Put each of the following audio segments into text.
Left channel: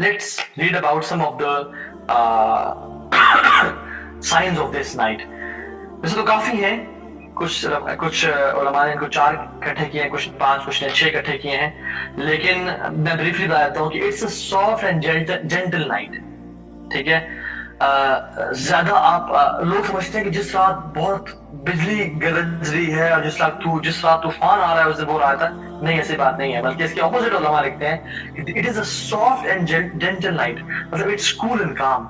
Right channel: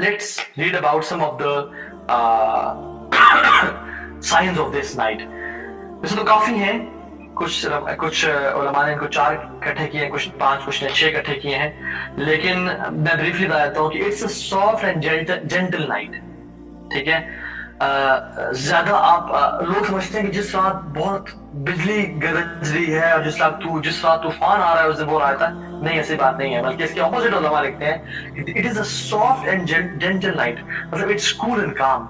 Let's read about some of the signs of this night. वैसे तो काफी हैं, कुछ उलमा ने इनको 4 इकट्ठे किए हैं, कुछ 5, कुछ ने 6 इकट्ठे किए हैं, लेकिन मैं ब्रीफली बता देता हूँ कि it's a soft and gentle night. ठीक है. ज्यादा आप लोग समझते हैं कि जिस रात बहुत बिजली गरज रही है और जिस रात तूफान आ रहा है उस दिन वो रात है, नहीं, ऐसी बात नहीं है. बल्कि इसके ऑपोजिट उलमा लिखते हैं कि it is a soft and gentle night. मतलब इट्स कूल एंड काम.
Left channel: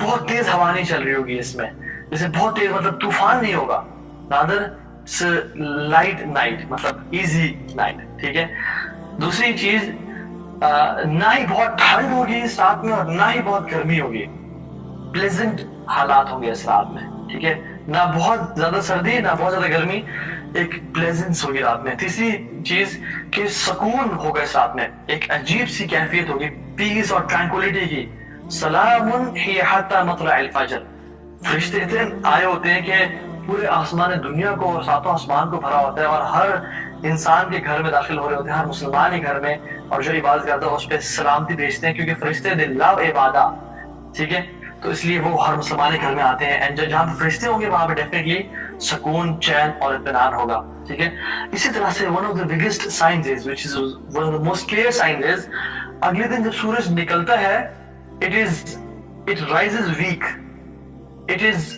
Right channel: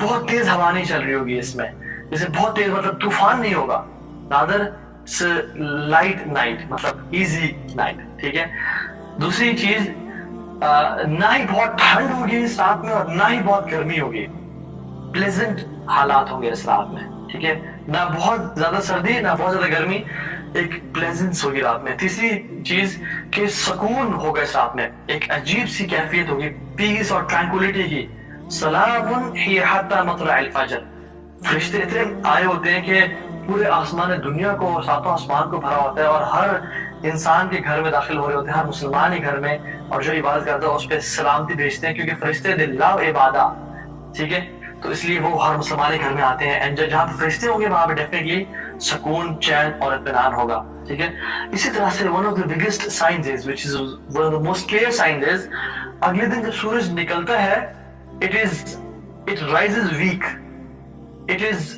बहुत तेज हवा नहीं चल रही होगी इसमें, जैसे बहुत तेज मतलब तूफान नहीं होगा, रादर लाइट नाइट, मतलब इजी नाइट. ठीक है. दूसरी चीज, ना ही बहुत ठंड होगी इस रात में और ना ही बहुत गर्मी होगी. प्लेजेंट हालात होंगे इस रात में. ठीक है. ना बहुत ज्यादा सर्दी ना बहुत ज्यादा गर्मी, एक प्लेजेंस होगी रात में. तीसरी चीज कि सुकून होगा इस रात में, एक अजीब सी कैफियत होगी, पीस और ट्रैंक्विलिटी की. सलामुन हिय हत्ता मतलअल फजर. फरिश्ते इतने आए होते हैं कि पूरे आसमान दुनिया को और सातों आसमान को भरा होता है और हर इंसान के घर में दाखिल हो रहे होते हैं, हर मुसलमान के घर में, और जो इबादत करता है उस पर सलामती भेजते हैं, क्योंकि फरिश्ते दे लव इबादा. ठीक है. तो इसलिए वो हर मुसलमान के घर में आते हैं. एंड जहाँ पे फरिश्ते होंगे वहां पे डेफिनेटली सुकून, चैन और इत्मीनान होगा. ठीक है. इसी तरह से one of the biggest signs is, which is one of the most clear signs is, अगले दिन जब सूरज निकलता है, it rises weak, it is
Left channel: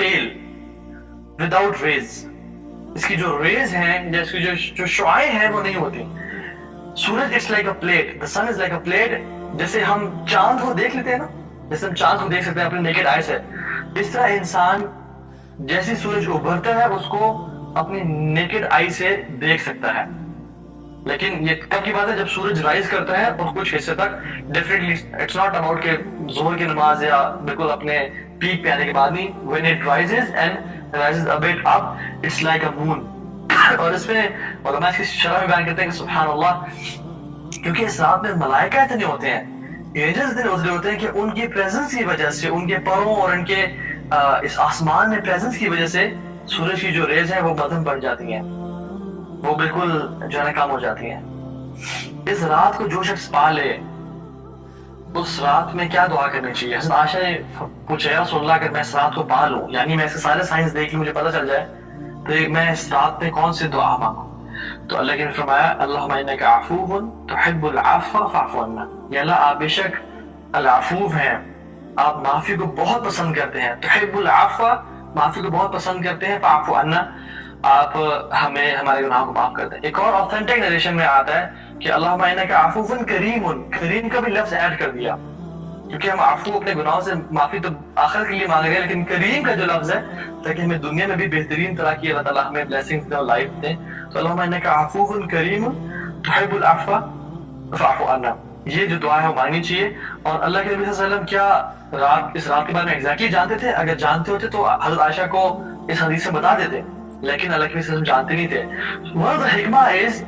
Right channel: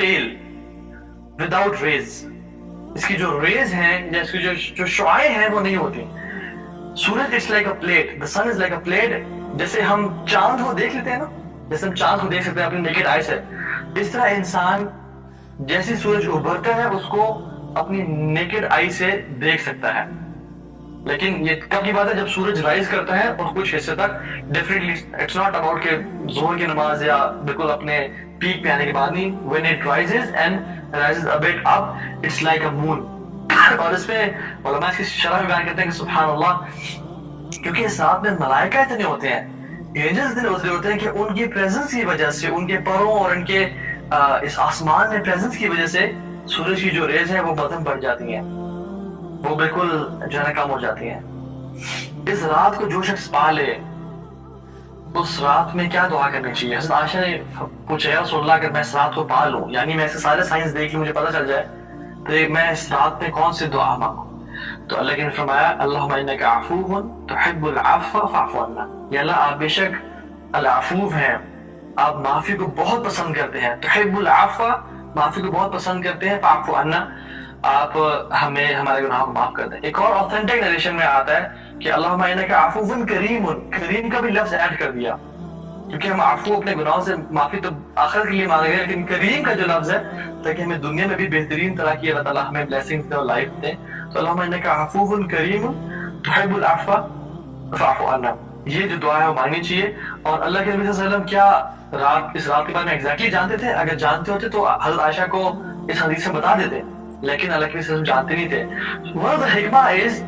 pale without rays. इसकी जो रेज हैं या इसकी जो शुआएं हैं वो नहीं होती. सूरज it's like a plate, the sun is like a plate. जैसे हम चांद को देख लेते हैं ना, जैसे हम चांद को देख सकते हैं अपने नेकेड आई से, इस तरह इंसान जैसे सूरज उभरता है उसको अपनी नेकेड आई से देख सकता है. लेकिन ये कब की बात है? जब सूरज राइज करता है और कुछ हिस्से तक. डेफिनेटली इट्स नॉट अबाउट के जोहर की नमाज या बिल्कुल अपने पीक पे आने के बाद नहीं. When it rises and rises a bit up, it's like a moon. और इसमें उलमा इसकी शरह में बयान करते हैं कि सुभान अल्लाह, क्योंकि इस रात में मलाइका इतने होते हैं, एंजल्स इतने उतरे होते हैं कि उनकी प्रेजेंस की वजह से, उनके परों और उनके इस आसमान में प्रेजेंस की वजह से सूरज की जो रेज है वो मध्यम बढ़ जाती हैं, वो बिल्कुल जो है ना कम हो जाती हैं. इस रात को जो शख्स पा ले, उस रात में क्या दुआ करनी चाहिए? हज़रत आयशा ने पूछा, या रसूलल्लाह, अगर मैं इस रात को पा लूं, यानी मैं इसके सारे साइंस देख के मुझे पता चल जाए, तो मैं इस रात में कौन सी दुआ मांगूं? तो अल्लाह ने फरमाया, अल्लाहुम्मा इन्नका अफ़ूवुन तुहिब्बुल अफ़्व फ़अफ़ु अन्ना. या अल्लाह, आप बेशक अल अफ़ूव हैं, आप माफी को बहुत पसंद करते हैं. तुहिब्बुल अफ़्व, माफी को बहुत पसंद करते हैं. फ़अफ़ु अन्ना, आप हमें हमारे गुनाहों को माफ कर दें. एक और ऑथेंटिक नरेशन में आता है कि अल्लाहुम्मा इन्नका अफ़ूवुन करीमुन, करीम का भी लफ्ज ऐड कर दिया, क्योंकि हम आफू अपने गुनाहों से माफी तो आखिरत के लिए मांग रहे हैं, लेकिन करीम का जो लफ्ज है, ताकि हमें दुनिया में भी बेहतरीन तरह की अल्लाह ताला हमें ब्लेसिंग्स दे और लाइफ दे. तो अल्लाहुम्मा इन्नका अफ़ूवुन करीमुन तुहिब्बुल अफ़्व फ़अफ़ु अन्ना, ये जो दुआ है वो मांगनी चाहिए. और अल्लाह के नबी सल्लल्लाहु अलैहि वसल्लम क्या इस रात के बारे में एग्जैक्टली जानते थे? अगर जानते होते तो हज़रत आयशा को इस हदीस में बता देते, लेकिन अल्लाह के नबी सल्लल्लाहु अलैहि वसल्लम जानते नहीं थे. वन ऑफ द हिकमा इज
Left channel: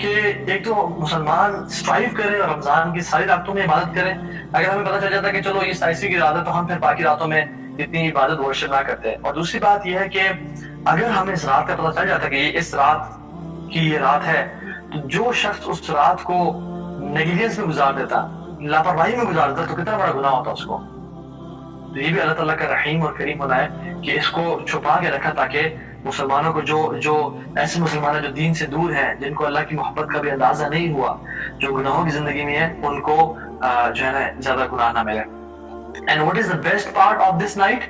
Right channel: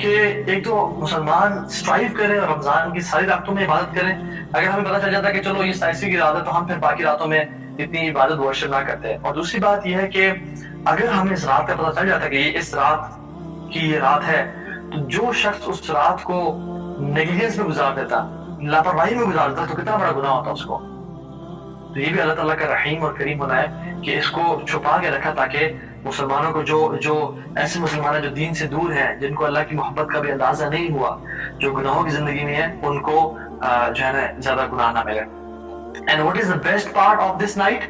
कि एक तो मुसलमान स्ट्राइव करें और रमजान की सारी रातों में इबादत करें. अगर हमें पता चल जाता है कि चलो ये 27वीं की रात है, तो हम फिर बाकी रातों में इतनी इबादत वर्शिप ना करते हैं. और दूसरी बात यह है कि अगर हमें इस रात का पता चल जाता है कि ये इस रात की ये रात है, तो जो शख्स उस रात को नेग्लिजेंस में गुजार देता, लापरवाही में गुजार देता, तो कितना बड़ा गुनाह होता उसको. तो ये भी अल्लाह ताला का रहीम और करीम होना है कि इसको छुपा के रखा, ताकि मुसलमानों को जो ऐसे मुसलमान जो दीन से दूर हैं, जिनको अल्लाह की मोहब्बत का भी अंदाजा नहीं हुआ, जो गुनाहों की जिंदगी में है, उनको जो है ना ज्यादा गुनाह ना मिले. And what is the best part of this night?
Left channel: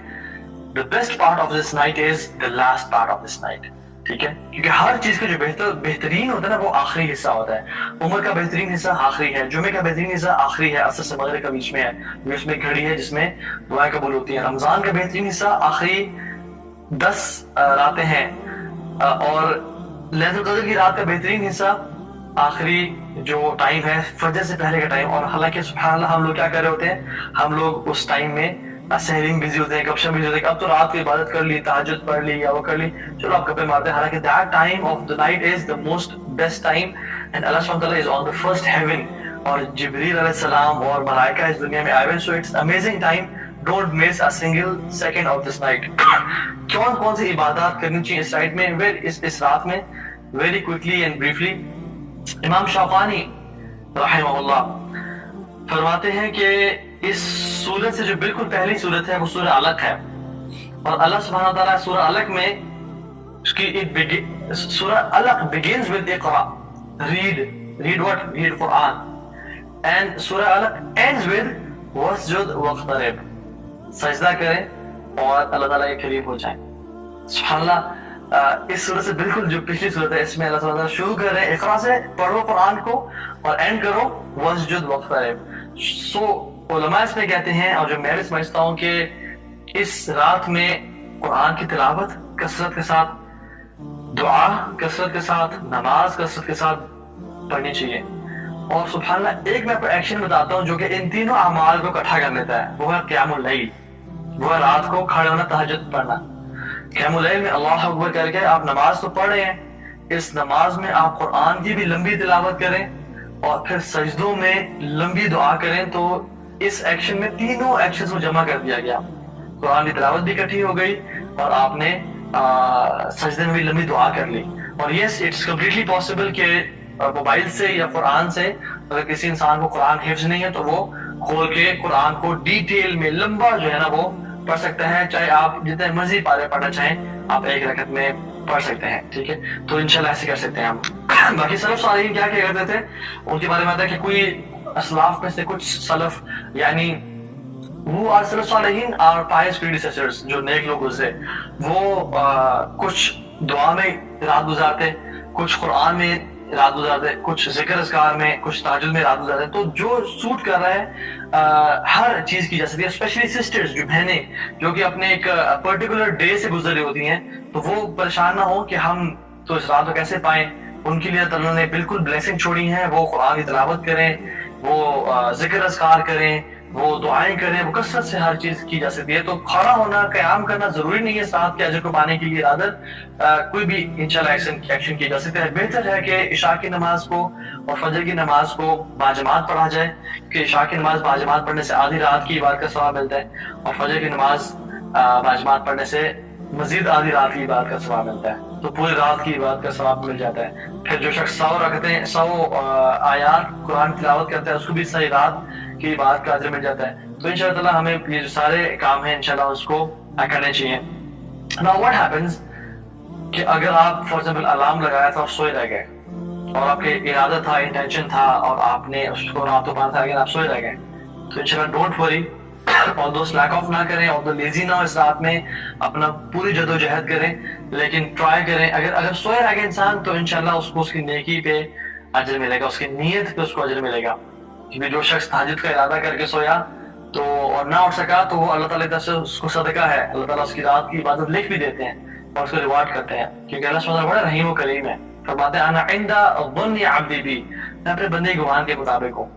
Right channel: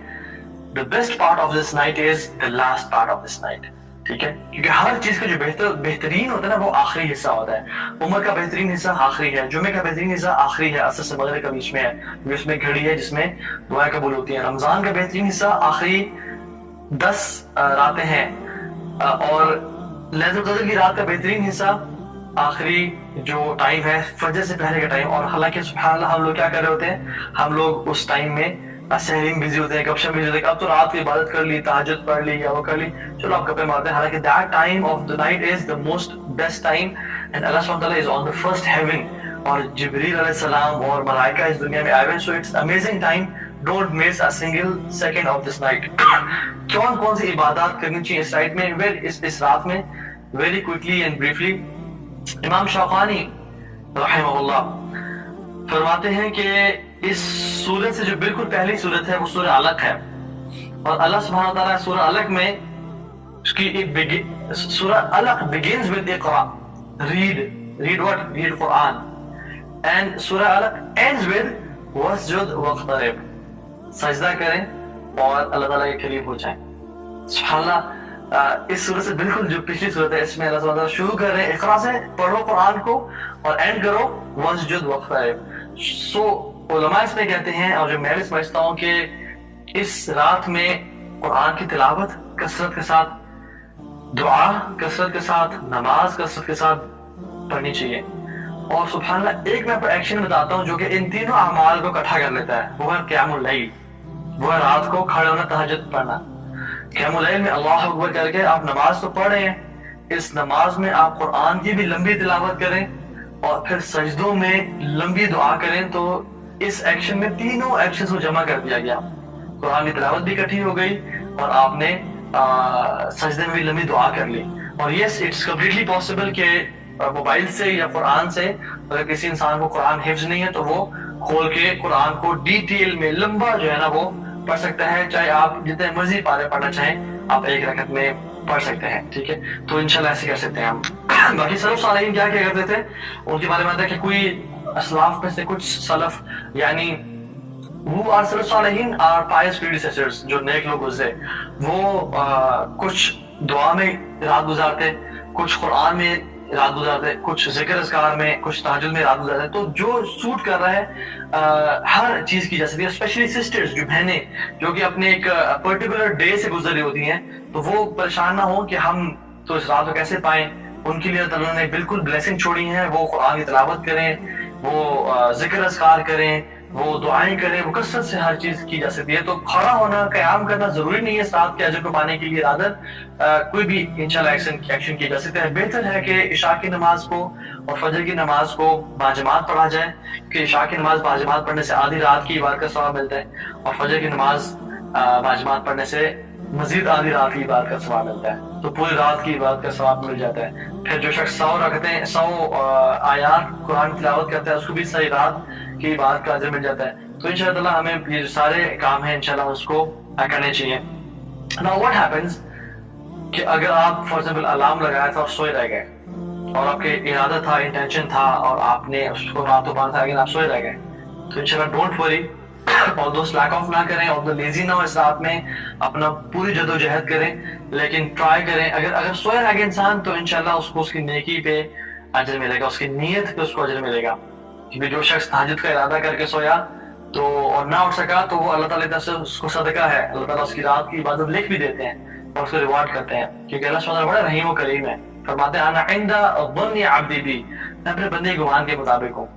The best part of this night is the last part of this night. ठीक है. क्योंकि हर चीज का जो बेहतरीन होता है ना, वो आखिरी हिस्सा होता है. उम्र का बेहतरीन हिस्सा आखिरी है, जुमे का बेहतरीन हिस्सा आखिरी है, असर से मगरिब के बीच में है, क्योंकि उसमें घड़ी है जिसमें दुआएं कबूल होती हैं. रमजान का बेहतरीन हिस्सा आखिरी 10 रातें हैं, और लैलतुल क़द्र की रात का बेहतरीन हिस्सा आखिरी जो टाइम है, फजर से पहले का टाइम. और हालांकि सुभान अल्लाह, हम लोग क्या कर रहे होते हैं? हम लोग उस टाइम में सहरी में बिजी होते हैं, गपशप बिजी होते हैं. अब तो रात की इबादत कर ली, तहज्जुद पढ़ ली या वो कर ली, चलो आप गप्पे मारते हैं. हालांकि that time of the night is the most best time, and Allah सुब्हानहू व तआला is on the first heaven, और जिब्रील अलैहिस्सलाम और मलाइका इस दुनिया में आए हुए. So it's amazing time. Don't miss a single second of this night. कौन कौन सी इबादत करनी चाहिए इस नाइट में, इस रात में? वेरी क्विकली एंड ब्रीफली, इमाम शौकानी रहमहुल्लाह फरमाते हैं कि इस सूरत से जो बिल्कुल पहली सूरत है वो सूरह अलक है, और अल्लाह सुब्हानहू व तआला सूरह अलक में सूरह अलक begins with Iqra, read what? Read Quran, and सूरह अलक ends with वस्जुद वक़्तरिब, सजदा करें और अल्लाह ताला के करीब हो जाएं। सुब्हानअल्लाह, इस सूरत से बिल्कुल जो पिछली सूरत है इसमें अल्लाह ताला शुरू कर रहे हैं इक़रा से, पढ़ो कुरान को, और एंड करो वस्जुद वक़्तरिब। सो उलमा इसमें कहते हैं, और जो मैं भी समझता हूँ कि इस रात में कुरान की तिलावत कसरत के साथ, दुआ कसरत के साथ, नमाज कसरत के साथ पढ़नी चाहिए। और सुब्हानअल्लाह, एक मैं आपको एक्शन बताता हूँ जो कि इन तीनों अमाल को इकट्ठा कर लेता है, वो है क़ियामुल लैल, वो है रात को खड़े होना, तहज्जुद पढ़ना। क़ियामुल लैल में अल्लाह अकबर करके आप नमाज तो पढ़ रहे हैं, इस नमाज में आप कुरान की भी लंबी तिलावत करें और फिर सजदों में लंबी दुआ करें। तो इस एक्शन में तीनों एक्शंस को जमा कर दिया गया, कुरान की तिलावत भी इकट्ठी हो गई और आपने सजदे में भी लंबी दुआ कर ली। और यस, इट्स कम्प्लीटली पॉसिबल कि मोबाइल से या कुरान से अगर किसी इंसान को कुरान हिफ्ज नहीं है तो वो खोल के कुरान को डिटेल में लंबा जो है ना वो पढ़ सकता है, चाहे आप जितने मर्जी पारे पढ़ना चाहें आप एक रकत में पढ़ सकते हैं, ठीक है। तो इंशाल्लाह ऐसे कर सकते हैं हम। बाकी सलफ सालिहीन क्या क्या करते थे, उनके बारे में आता है कि कोई असलाफ में से कुछ सलफ, यानी वो are self सालिहीन are Payas predecessors, जो नेक लोग गुजरे, वो कुछ दुआ में रात गुजारते, कुछ कुरान में रात गुजारते, कुछ जिक्र अज़कार में, कुछ तहज्जुद में रात गुजारते। तो जो सूट कर रहा है हर चीज की जा सकती है। स्पेशली सिस्टर्स, जो बहनें जो कि अपने एक पर्टिकुलर डे से गुजर रही होती हैं, तो वो परेशान ना हो कि हम तो इस रात को कैसे पाएं। उनके लिए अल्लाह ने बिल्कुल ब्लेसिंग छोड़ी है, वो कुरान की तिलावत करें, वो जिक्र अज़कार करें, वो दुआएं करें, वो कसरत से हर चीज की जा सकती है। तो खड़ा होना, क़याम करना जरूरी नहीं है साथ के अजर को पाने के लिए, रादर कोई भी इंशाल्लाह एक्शन की जा सकती है। बेहतर है कि इशा की नमाज को और फजर की नमाज को बाजमात पढ़ा जाए, कि इशा की नमाज बाजमात पढ़ने से आधी रात की इबादत का सवाब मिलता है, और फजर की नमाज बाजमात पढ़ने से मजीद आधी रात की इबादत का सवाब मिलता है। तो पूरी रात की इबादत का सवाब मिल जाता है। फिर जो शख्स 100 आयात कुरान की तिलावत करता है उसको भी सारी रात की इबादत का अजर मिल जाता है। तो इंशाअल्लाह ताला हमें ये जो सारे काम हैं इंशाअल्लाह उसको करने चाहिए। नाउ व्हाट हैपेंस कि अगर आप फॉर एग्जांपल अलार्म लगाया था और सोए रह गए, और आपके इरादा था, इंटेंशन था, और आपने उसको रात को पाना था लेकिन आप सोए रह गए, तो इंशाल्लाह don't worry, although slack of ना करें, ऑल्दो लेजी ना हो, इस रात में अपना पूरी जदोजहद करें, लेकिन ट्राई करें। अगर सोए रह गए इंसान तो इंशाल्लाह उसको उसकी नेकी पे अजर मिलेगा, उसकी नीयत पे उसको अजर मिलेगा। क्योंकि जो शख्स तहज्जुद का इरादा करके सोया तो और ना उठ सका, तो वो अल्लाह ताला की तरफ से उसको सदका है, अल्लाह ताला उसकी रात की इबादत लिख भी देते हैं और उसको रिवार्ड करते हैं। क्योंकि अल्लाह सुब्हानहू बड़ा रहीम व करीम है। फरमाते हैं अना इंदा ज़न्नि अब्दी बी, मैं अपने बंदे गुमान के मुताबिक हूँ।